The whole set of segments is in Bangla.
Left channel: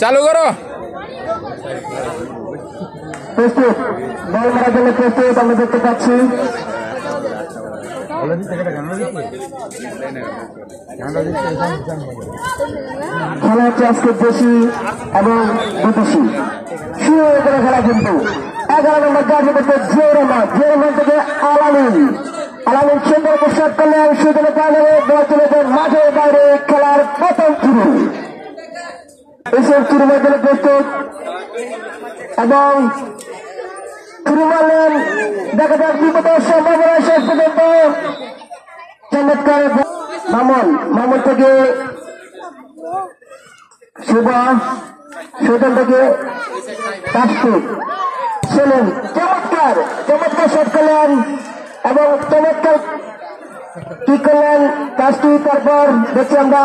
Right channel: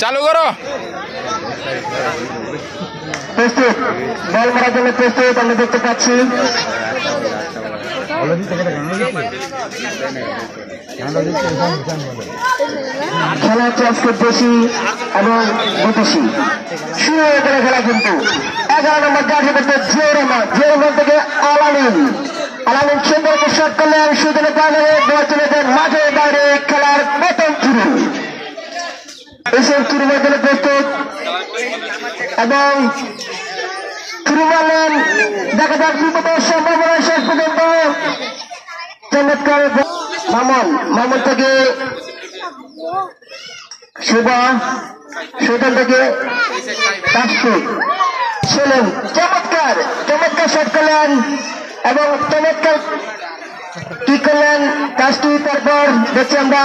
চালু করো। প্রস্তুত, বল মারার জন্য প্রস্তুত আমরা দেখতে পাচ্ছি। খেলা হচ্ছে আজকে দেশি এবং বিদেশি শুরু হয়ে গেল খেলা, কিন্তু 11 নম্বর জার্সি করতে জিওরহমান থেকে আলামিন সুন্দরকে শট করলেন, সুজনে পাইলে বল চলে যায় মাঠের বাইরে। খেলার প্রথম শুরু, এসব শুরু হয়ে গেলে প্রস্তুত এবং শুরু মারলেন। দেখা যাক বিপদের সম্ভাবনা শেষ পর্যন্ত। চমৎকার মামুন থেকে সুজন থেকে ছিলেন, চমৎকার শট করলেন এবং চমৎকার কি করলেন কাজটি। তারপর দেখছি আমরা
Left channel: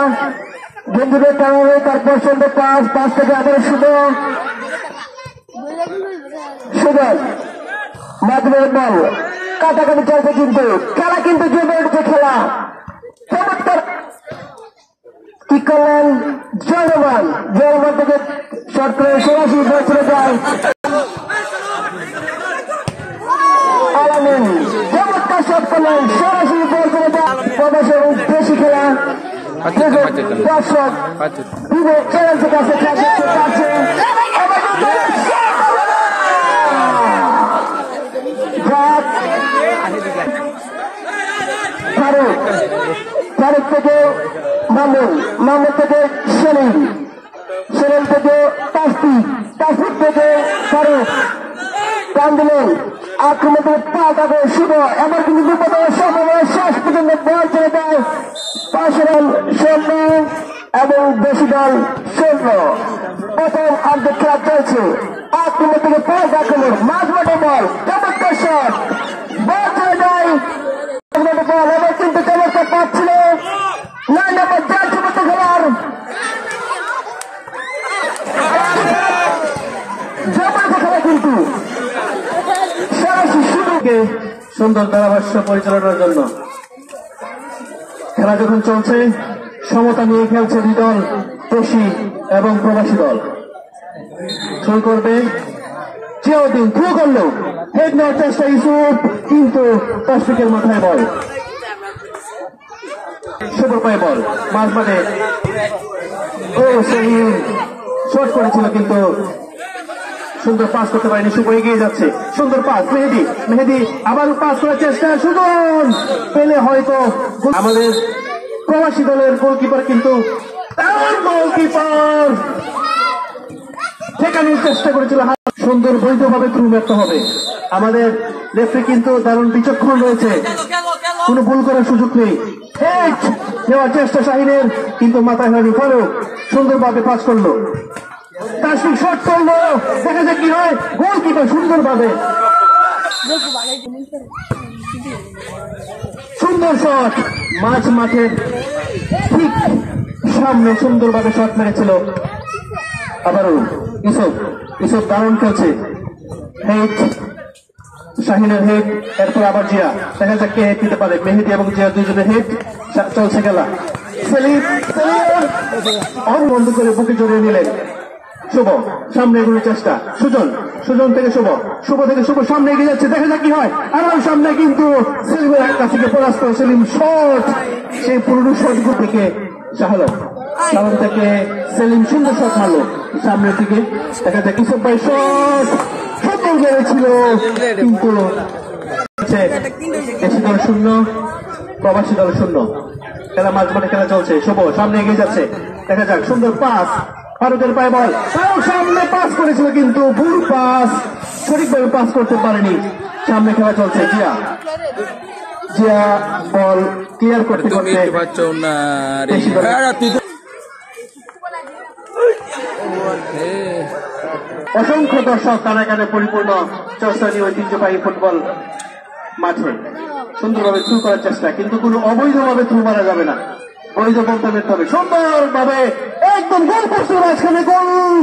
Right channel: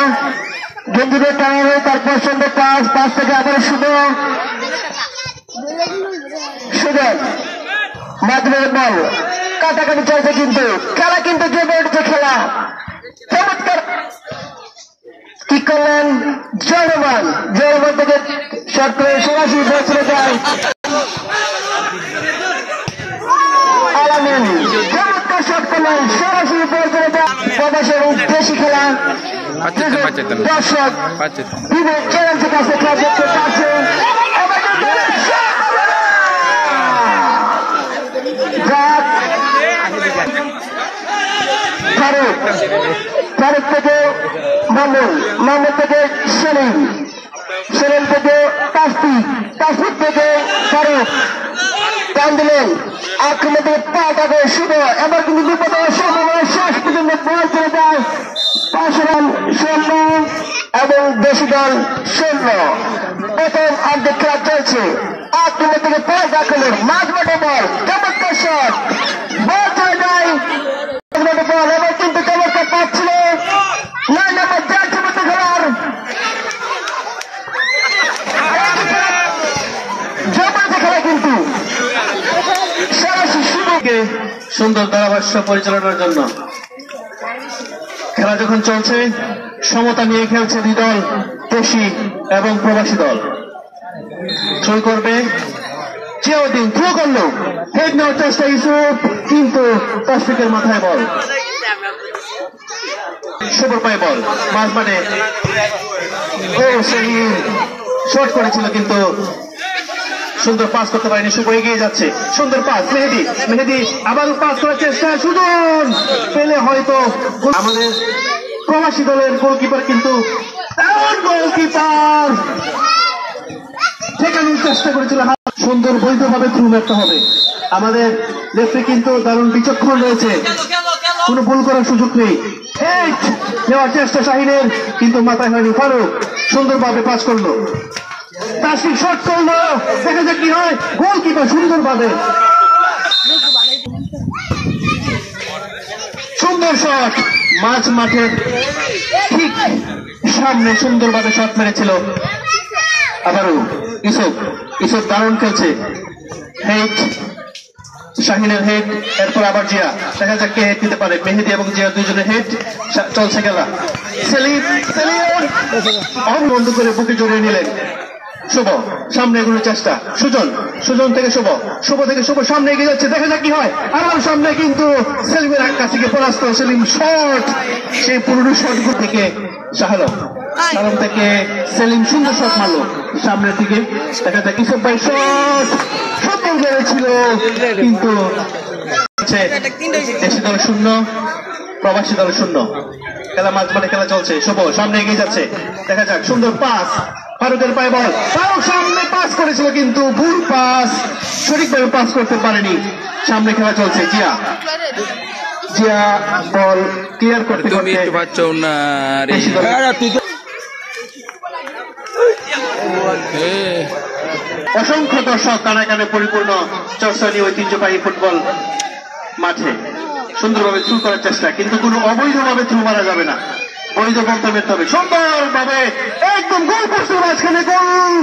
গেঞ্জিদের টানারে, তারপর সুন্দর পাঁচ থেকে আবার সুজন মাধ্যমের বল কাটাকাটি চলছে, কিন্তু খেলা কিন্তু জমে উঠছে। খেলা চমৎকার কি করলেন জিওরহমান থেকে শট করে সরাসরি চলে যায় আলামিন। চমৎকার শট করলেন, সরাসরি বল চলে যায় প্রবাসের দেশি খেলা। দর্শক বিবেক চ্যালেঞ্জের কাছে খেলা দেখতে পাচ্ছে। ফারুক থেকে মামুন থেকে সেলিম থেকে তাসফিক থেকে ফারুক টান দিলেন, আক্রমণ থেকে পাল্টা করে শুভ। এবার কিন্তু বিপদের সম্ভাবনা শেষ পর্যন্ত বল চলে যায় পাশেরাম 16 এবং দেশি দল 16। প্রথম অর্ধেক খেলা চলছে, আক্রমণ থেকে পাল্টা আক্রমণ, মাঝ মাঠে বল, চমৎকার শট, বল চলে যায় বল। এবার কিন্তু চমৎকার পাচ্ছিল 9 নম্বর জার্সি মধ্যে খেলার জমাতে খেলা, কিন্তু সরাসরি শুরুকে সুন্দর ধারাভাষ্য পরিচালনার জন্য খেলা যখন চলছে, সমতা নিয়ে খেলছে দুই দল, দেশি এবং প্রবাসী দল। থ্রো করবে জিয়াউদ্দিন, থ্রো করলো, হেড নেওয়ার চেষ্টা ইউসুফ, কিন্তু তাসফিকের মাথায় বল, শুভর পায়ে বল মাঝ মাঠে। শর্ট করেছিল কিন্তু সুন্দর পাস করতে পারেনি, শুভ এগিয়ে যাচ্ছে, সুন্দর পাস মেহেদি আবার পাস করার চেষ্টা, সুজন পেলে হয়তো। আমাদের প্রবাসী দলের গোলকিপার কিন্তু ঠেকানোর চেষ্টা করেছিল, সুন্দর বৈধভাবে থ্রু মারতে হবে। আমাদের রেফারি কিন্তু দারুণ বিচক্ষণ রয়েছে, কোনো ভুল করার সুযোগ নেই। হেড নেওয়ার চেষ্টা শাহিনের, কিন্তু মাথায় হয়নি। ফারুক সুন্দরভাবে পাস করলো, তাসফিক শট করলো, দেখা যাক কি হয়। গোলকিপার সুন্দরভাবে সুন্দর শট, মাঝ মাঠের ঠিক সামনে সুন্দরভাবে শট মেরেছিল। আবারও ইউসুফ দারুণ খেলছে, হেড শাহিনের হেড, এরপর আবার জিয়া, দেখা যাক কে হেড দিতে পারে। মেহেদি এবং জিয়া দুইজনের হেড, চলছে খেলা। সেলিম বন্ধ করে বুকে জড়িয়ে নিলেন, শুভ সামনে এগুলোর চেষ্টা, সুজন থেকে শুভ থেকে শুভ সামনে এগিয়ে যাচ্ছে, দেখা যাক কি হয়। আবার সামনে কিন্তু সেলিমের কাছে পরাস্ত সেলিম, শট, সেই পুরনো শটগুলো থেকে শাহালম থেকে সেলিম সুন্দর শট মারলো সামনের দিকে, দেখা যাক ইউসুফ ভাই শট সুন্দর মেরেছিল, কিন্তু দেশি দল 0 প্রবাসী দল 0। খেলা মাঝ মাঠে খেলা চলছে, শুভ সামনে এগিয়ে যাচ্ছে, দেখা যাক সুন্দর পাস, ফারুকের পায়ে বল, ফারুক সামনে পাস করেছিল কিন্তু ভুল পাস, সঠিকভাবে পাস করতে পারেনি। সামনে খেলা চলছে, জিয়া বল ক্লিয়ার করতে অসংখ্য দর্শক কানে পরিপূর্ণ চর্চনী ঐতিহ্যবাহী ফুটবল মাঠে সুন্দরভাবে থ্রু করার চেষ্টা, কিন্তু কোনো অবৈধভাবে থ্রু মারা যাবে না, বৈধ পন্থা মেরতে হবে। সুন্দরভাবে একদম গোল পোস্টের মাঝখানে গোল,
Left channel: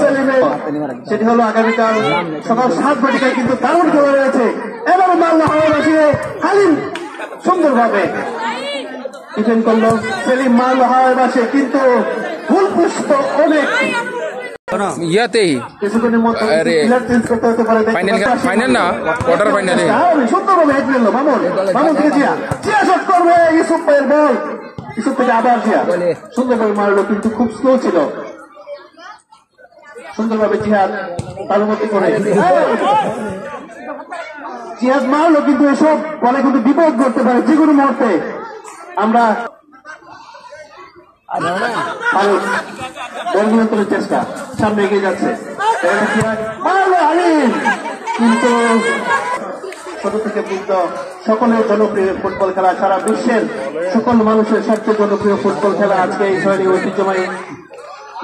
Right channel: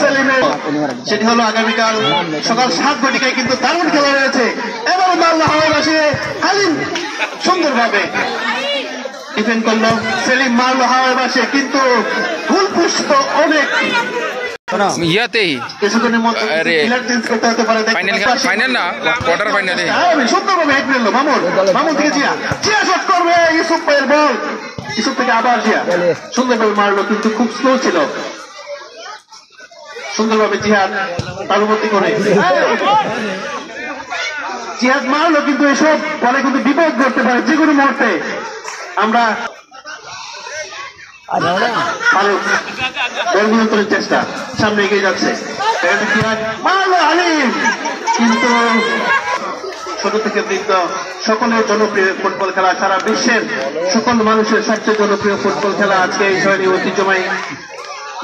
সেলিমের সেটি হলো আগামীকাল সকাল 7 ঘটিকায় কিন্তু দারুণ খেলা রয়েছে। এবার মাল্লা হাওয়া বাসিয়ে কালীন সুন্দরভাবে ডিফেন্ড করলো সেলিম, মারলো হাওয়ায় বাসে কিন্তু ফুল পুষ্ট অনেক ইয়াতেই কিছুক্ষণের মধ্যে প্লেয়ার চেঞ্জ করতে হতে পারে। ফাইনাল না কোয়ার্টার ফাইনালে সুন্দরভাবে হেড নিল মামুন থেকে জিয়া শট করবে, ইউসুফ ভাইয়ের বল, ইউসুফ থেকে আবার জিয়া সুন্দরভাবে মারলো কিন্তু খুব স্লো ছিল। সুন্দরভাবে জিহাদ তালুবর্তী করে জিহাদ মারলো কিন্তু এসব বলে কিন্তু বিপদ করতে পারে যে কোনো মুহূর্তে। আমরা ফারুক বল নিয়ন্ত্রণের চেষ্টা, সামনে এগিয়ে যাচ্ছে, মারলো আলিম কিন্তু ছোট থেকে বৃদ্ধ সকলের জনপ্রিয় ফুটবল খেলা, সারা বিশ্বের সকল মানুষের সবচেয়ে জনপ্রিয় ফুটবল খেলা আজকে এই শহরে ঐতিহ্যময়ী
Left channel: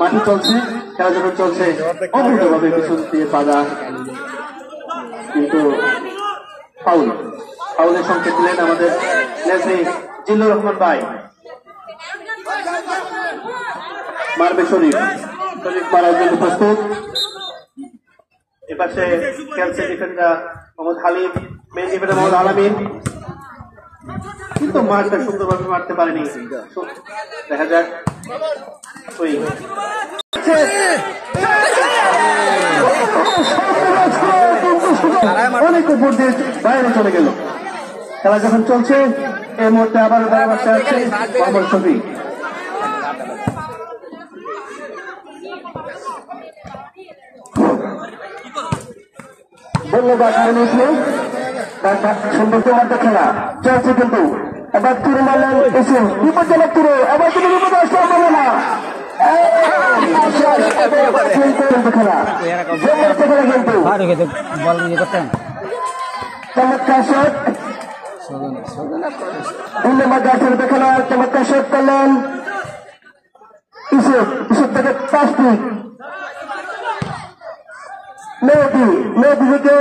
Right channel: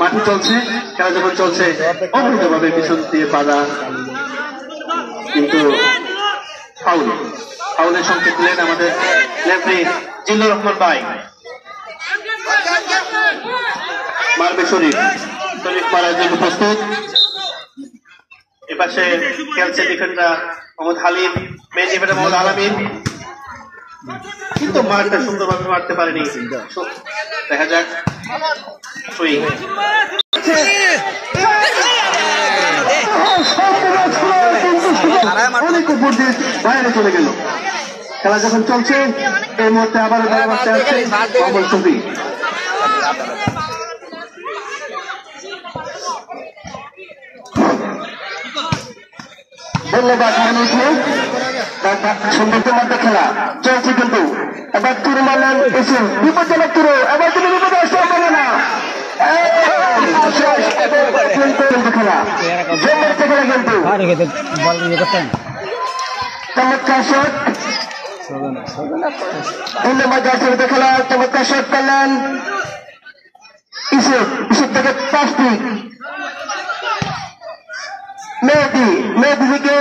মাঠে চলছে। খেলা যখন চলছে অবৈধভাবে পিছন দিয়ে বাধা, কিন্তু ফাউলের সংকেত দিলেন আমাদের রেফারি জিল্লুর রহমান ভাই। মারবে শরীফ মারার জন্য প্রস্তুত। এপাশে খেলছে defender Mohammad Halim, main defender Mohammad Alamin, কিন্তু মারটা সুন্দরভাবে মারতে পারেনি। দেখা যাক অনেক উপর দিয়ে বাইরে চলে গেল। খেলা যখন চলছে এই মুহূর্তে আবারও বাড়াবাড়তে আসছে ছবি। ধন্যবাদ সুন্দর মধ্যে খেলা চলছে কিন্তু এবার তুরু মারলেন এসুন, বিপজ্জনক তুরু, এবার তুমি বিপদ আসতে না। খেলা কিন্তু চমৎকার শট, খেলা চমৎকার শট করলেন ইসুফ থেকে 5 ফিট মেহেদি থেকে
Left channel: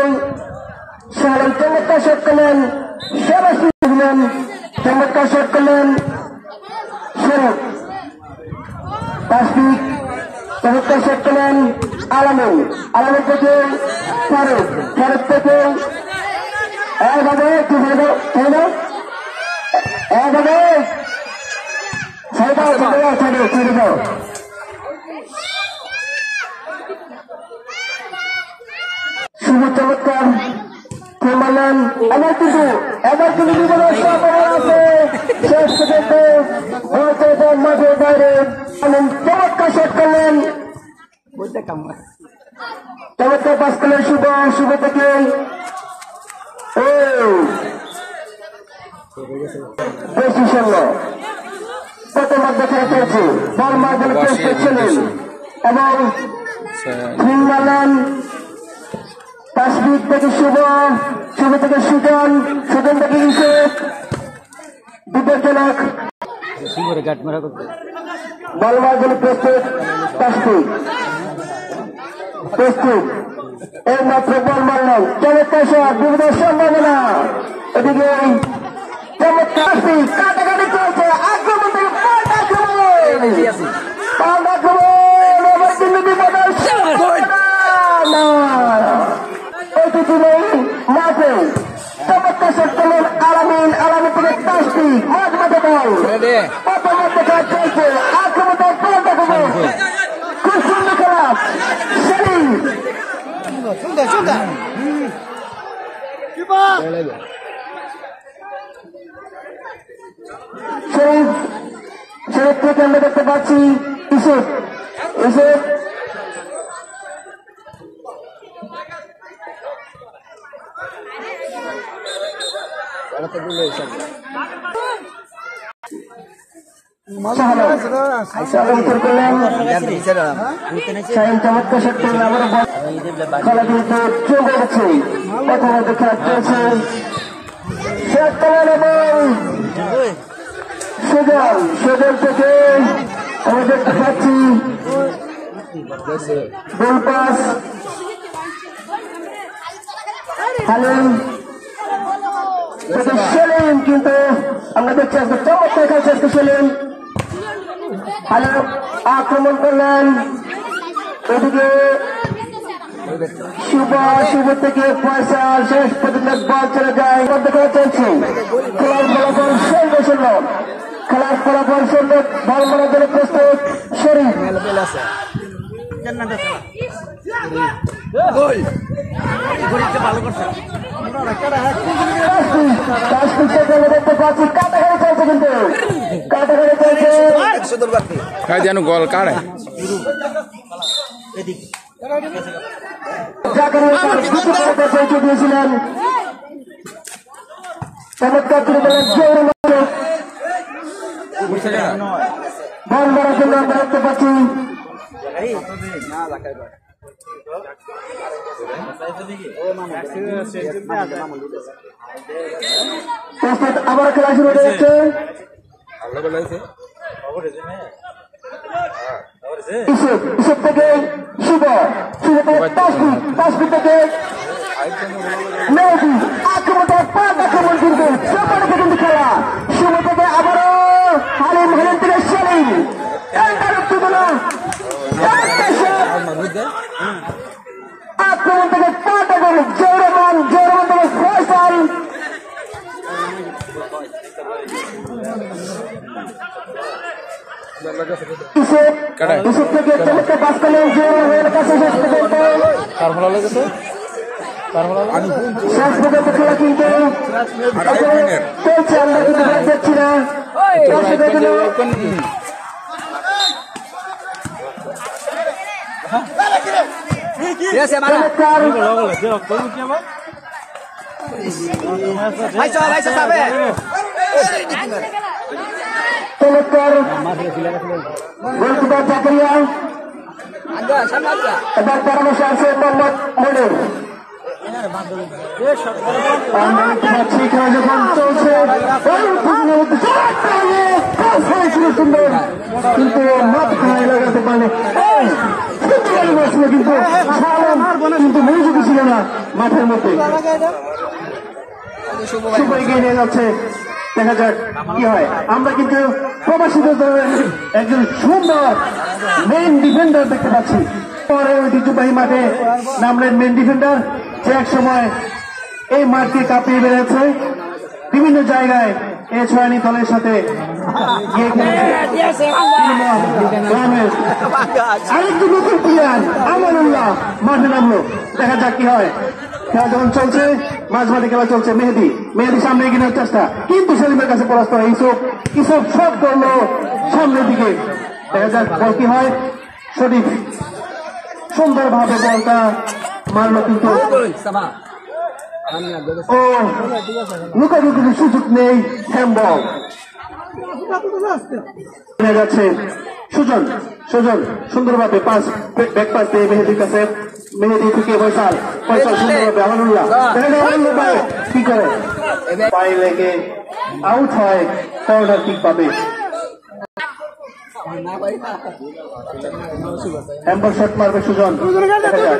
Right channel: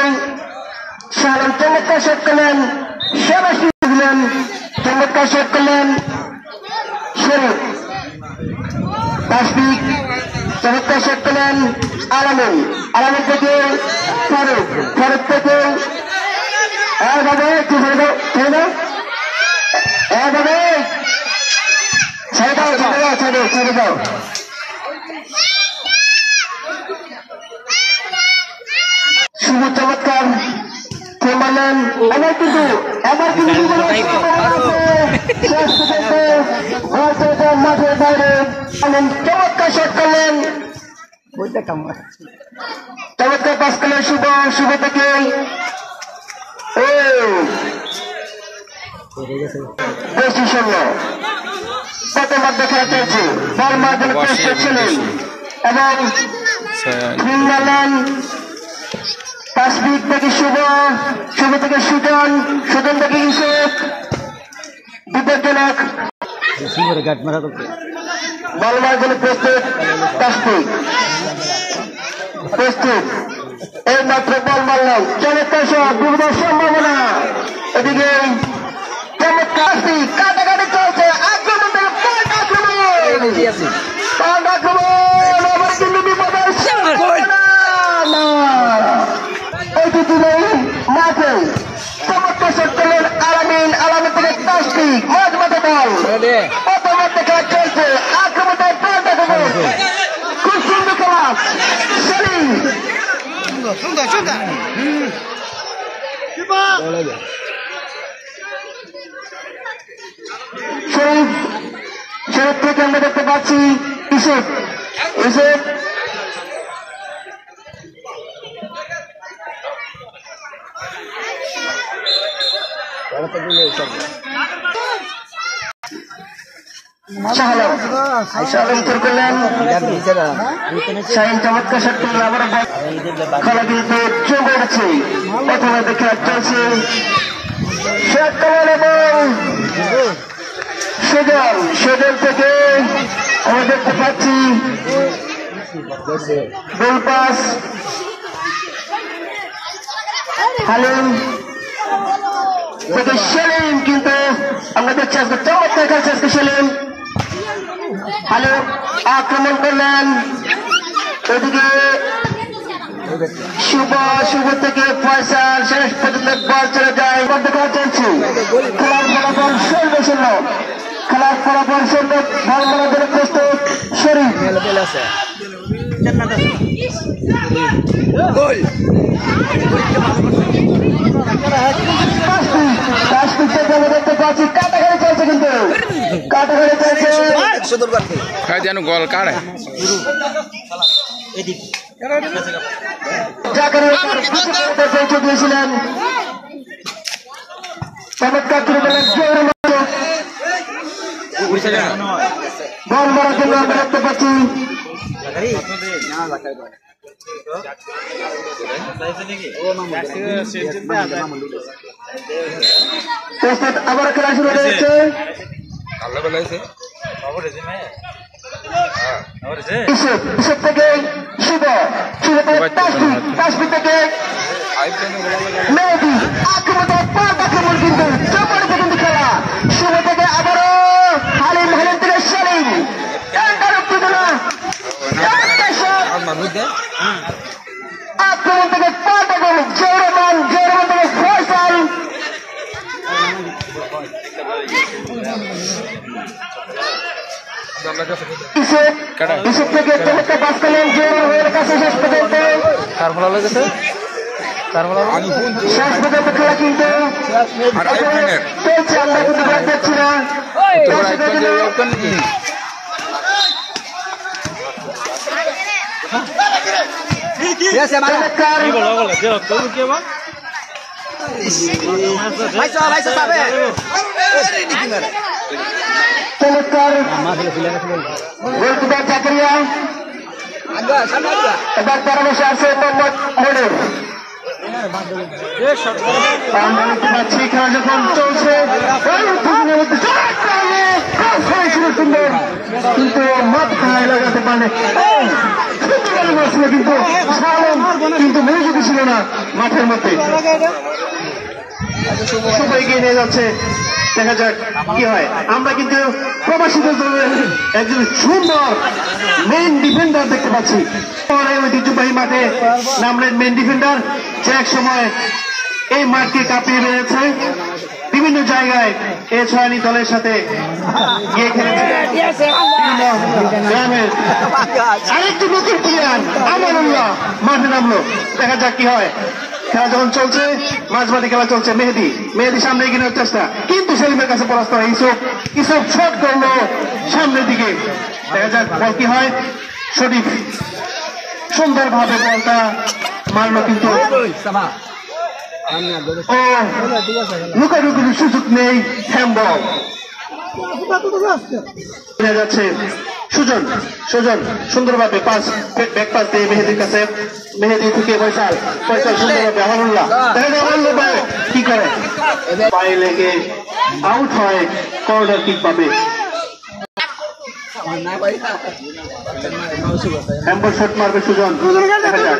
শাহরাম চমৎকার শট করলেন, সরাসরি দিলেন চমৎকার শট করলেন শরীফ 5 ফিট চমৎকার শট করলেন আলামিন থেকে ফারুক থেকে এভাবে কি ছেড়ে দাও শুধু চমৎকার খেললেন। এবার কিন্তু মাঠের বাইরে চমৎকার শট করলেন, চমৎকার পাস করলেন শুভ থেকে কত মধ্যে খেলা চলছে, বল মারবেন ছিলেন এবং মারলেন 5 ফিট থেকে শুভ থেকে সুজন থেকে ইউসুফ, বিপজ্জনক বল মারবেন প্রস্তুত 5 ফিট প্রস্তুত। এই মাত্র বল মারলেন, চমৎকার শট, বিপদের সম্ভাবনা। এদিকে চমৎকার কাটাকাটি চলছে, চমৎকার শট করলেন আলামিন থেকে 10 ফিট মাঝ মধ্যে বল, কত মধ্যে খেলা চলছে, আক্রমণের খুব সুন্দর খেলা সেলিম সুন্দর শরীফ থেকে আমরা দেখতে পাচ্ছি ইউসুফ চমৎকার শট করলেন, আবার খেলা কিন্তু চোখ উঠছে, প্রথমে খেলা চলছে শট করলেন এবং সেজল থেকে আমরা দেখতে পাচ্ছি গোল পাস হালিম থেকে সেলিম, কিন্তু আমরা দেখছি আজকে চমৎকার খেলছে আজকে সেলিম। হালিম আক্রমণ করলেন ওদিকে শুভ থেকে ফয়সাল শেষ পর্যন্ত বল চলে যায় দেখা চলছে খেলার ফলাফল সর্বশূন্য খেলার ফলাফল সুন্দর বল মারার জন্য প্রস্তুত শরীফ দেখতে পাচ্ছি কাটাঘাড়ি চলছে কিন্তু কাটাঘাড়ি চলছে যেন গল কাড়ে পৌঁছে দিয়েছিলেন চমৎকার বল মারার জন্য আমরা দেখতে পাচ্ছি আবার খেলা শুরু হয়েছে ইসব থেকে শুভ থেকে মেহেদি আক্রমণ কিন্তু চপারিতে কিন্তু খেলা শুভ থেকে আবারও হালিম থেকে সেলিম আক্রমণ থেকে জৌরমান থেকে ফয়সাল ইসব থেকে চমৎকার পাস করলেন জৌরমানের কাছে শেষ পর্যন্ত শেষ পর্যন্ত খেলা কিন্তু চলছে আমরা কিন্তু দেখছি না চমৎকার জাকারিয়া এবার পরামর্শ আছে মোহাম্মদ মনির খেলা যখন চলছে সুন্দর কিন্তু মাঠ খেলায় লাগাতে পারে কিন্তু মনোযোগী ছিল না মাঠের মধ্যে শুধু এগিয়ে নিয়ে যাচ্ছে দেখা যাক কি হয় আমরা কিন্তু প্রবাসীদের দলের একজন সুন্দর মেন ডিফেন্ডার দেখতে পাচ্ছি ঐতিহ্যবাহী মাঠে নামলেন মেন ডিফেন্ডার যে এক সময় এই মাঠকে কাঁপিয়ে বেড়েছে বিভিন্ন জায়গায় এ ছয়ানি দলের সাথে গিয়ে খেলেছে আরেকটি নতুন প্লেয়ার আমানুল্লাহ মাঠে নামলো দেখা যাক কি হয় খেলা যখন চলছে মাঝ মাঠে খেলা চলছে মেহেদি সামনে এগিয়ে নেওয়ার চেষ্টা কিন্তু সেলিমের কাছে পরাস্ত হয় ইসব শট করলো সামনের দিকে দেখা যাক বল কি হয় শরীফ সুন্দরভাবে বলটা মারলো কিন্তু ও লুকালুকির সুযোগ নেই হ্যান্ডবল যাচ্ছে সুজন সুন্দরভাবে পাস ব্যাক পাস দিয়ে মেহেদির কাছে মেহেদি থেকে ফয়সাল সুন্দরভাবে আমানুল্লাহ কি করে পায়ে লেগে আউট হয় কর্নার কিক পাবে হ্যান্ডবল শট মারবে সুজন দেখা যাক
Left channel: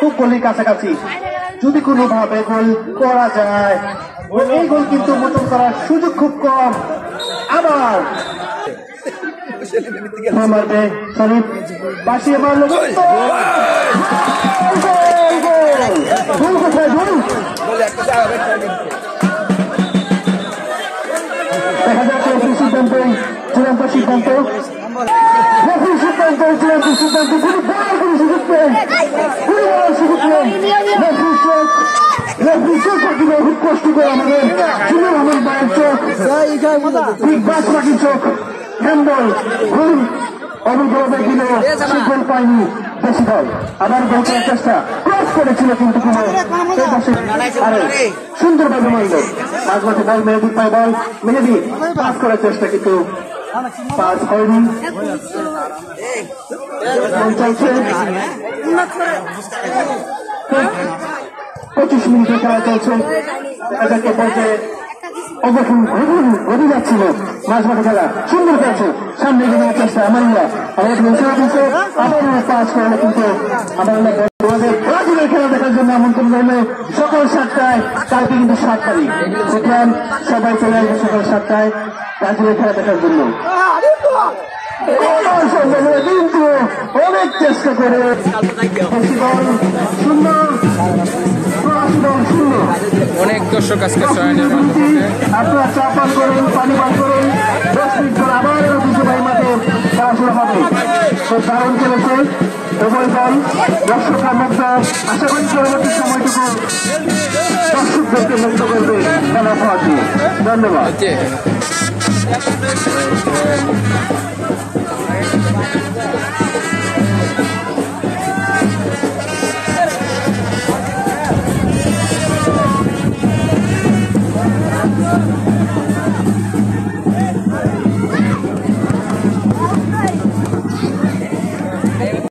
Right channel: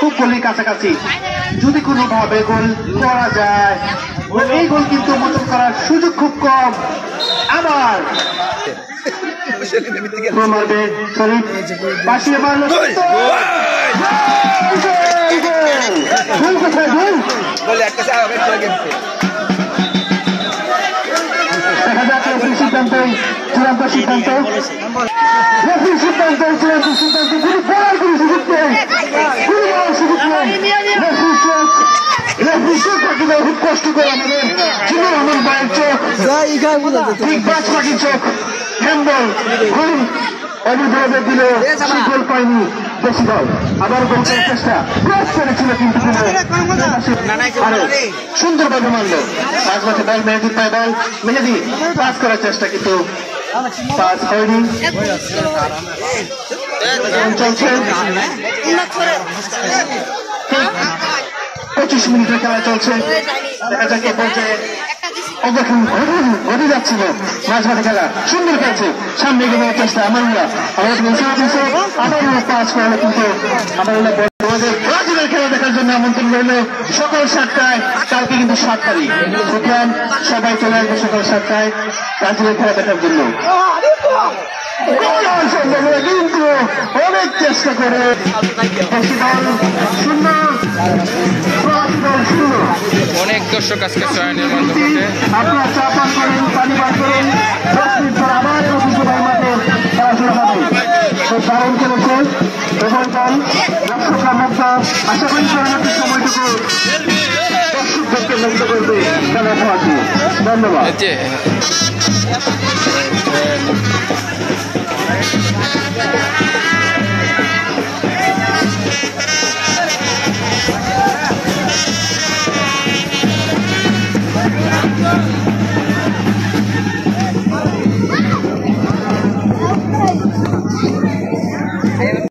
খুব গোলের কাছাকাছি যদি কোনোভাবে গোল করা যায় এই গোল কিন্তু মোচন করার সুযোগ খুব কম আবার মারবে শরীফ পাশে মারলো দেখা যাক চূড়ান্ত সিদ্ধান্ত খুব কষ্ট করে আমাদের ঠিক বাস পাখির চোখ হ্যান্ডবল ভুল অভিযোগে দিলে শিখল পায়নি বেশি দল আবার গোলটার চেষ্টা প্রেস করেছিল কিন্তু সুন্দরভাবে মারল মাঝ মাঠে বল মেহেদির পায় বল মেহেদি পাস করার চেষ্টা কিন্তু পাস হয়নি চলছে 25 মিনিটের খেলা চলছে দেখা যাক কে বলছে ঘটে যাচ্ছিল মাঝ মাঠে খেলা সুন্দর খেলছে সামনে এগিয়ে নেওয়ার চেষ্টা আমানুল্লাহ আমানুল্লাহ পাস করলে কিন্তু আমানুল্লাহ ব্রাজিলের খেলা দেখার জন্য আমন্ত্রণ রইল সকাল 7টায় কালকে কিন্তু 7 তারিখ সুতরাং সবাই চলে আসবে সকাল 7টায় ব্রাজিলের খেলা দেখার জন্য কিন্তু অনেক চেষ্টা করে দেশি দল 0 প্রবাসী দল 0। অনেক দর্শক আজকে চয়নের মাধ্যমে আপনি চা পান করেন, পানি পান করেন, 10 মিনিট পর আবার ঐতিহ্যবাহী মাঠে খেলা শুরু হবে। তো দারুণ খেলেছে উভয় দল, দর্শকরা মুগ্ধ। আশা করি পরবর্তী সময়টিতে দর্শকদেরকে মুগ্ধ করবে খেলা পাওয়ার জন্য। ধন্যবাদ।